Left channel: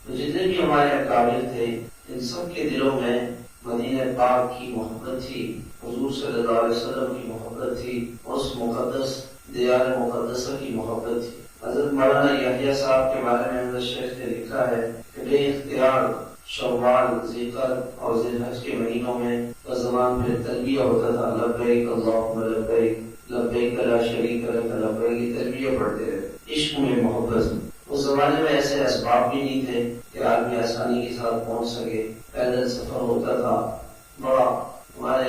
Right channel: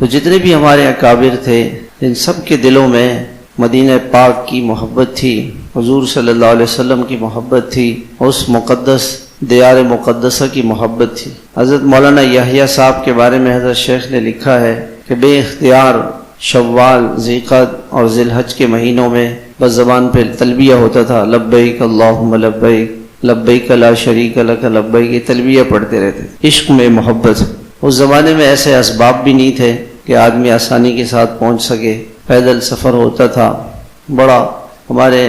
تو جتنے بھی ہمارے اکابر تھے ان سب کے دلوں میں مدینہ پاک کی محبت تھی، حضور صلی اللہ علیہ وسلم کی محبت تھی، اس مقدس دیار مقدسہ کی محبت تھی۔ حضرت مولانا یحییٰ صاحب کے بارے میں حضرت شیخ نے لکھا ہے کہ بے اختیار شوال، ذیقعد اور ذی الحج کے مہینوں میں بس زبان پہ تلبیہ ہوتا تھا، لبیک اللہم لبیک لبیک لا شریک لک لبیک، یہ تلبیہ پڑھتے رہتے تھے۔ عشق میں محبت۔ اس زمانے میں ایسے اسباب بھی نہیں تھے کہ آدمی آسانی کے ساتھ پہنچ سکے، پیدل سفر ہوتا تھا بڑا۔ ہمارے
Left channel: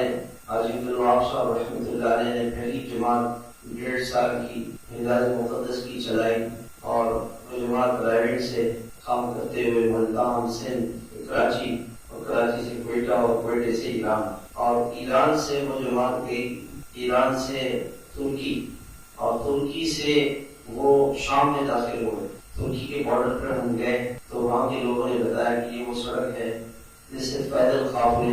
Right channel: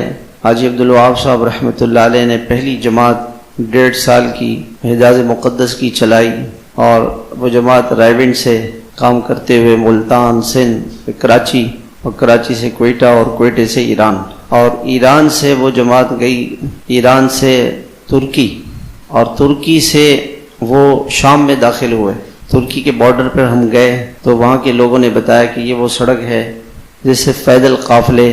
حاجی عبدالوہاب صاحب رحمۃ اللہ علیہ نے پہلی جماعت 1.5 سال کی حجاز مقدس کی چلائی، اور وہ جماعت رائیونڈ سے کام کرتے ہوئے ملتان، سندھ، کراچی، اور کراچی سے کوئٹہ، اور کوئٹے سے ایران، اور ایران سے وہ جماعت گئی ایران سے ترکی، اور ترکی سے وہ شام میں داخل ہوئے۔ ترکی کے بارڈر پر ہم گئے تو وہاں کے لوگوں نے بتایا کہ یہ وہ سڑک ہے جس سے پیدل قافلے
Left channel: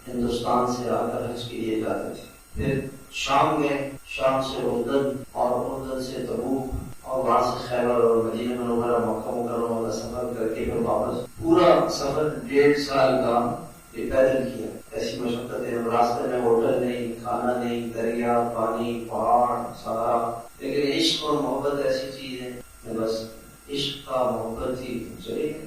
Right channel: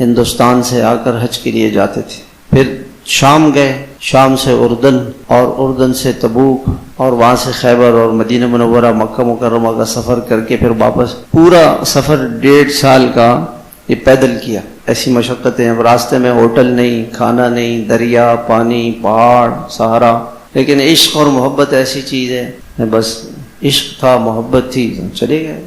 ہندوستان سے آ کر حج کے لیے جاتے تھے۔ پھر شام گئے، شام سے اردن، اور اردن سے تبوک، اور وہاں سے خیبر اور مدینہ منورہ، مکہ مکرمہ کا سفر کر کے پھر واپس۔ پورا سفر 1.5 سال کا یہ پیدل کیا۔ ایسی مشقتیں، اب راستے میں ہوٹل نہیں، کھانا نہیں، دریا، پانی، پہاڑ، صحرا، لیکن عشق اور محبت ایسی چیز ہے، بس عشق تھا، محبت تھی، چلے گئے۔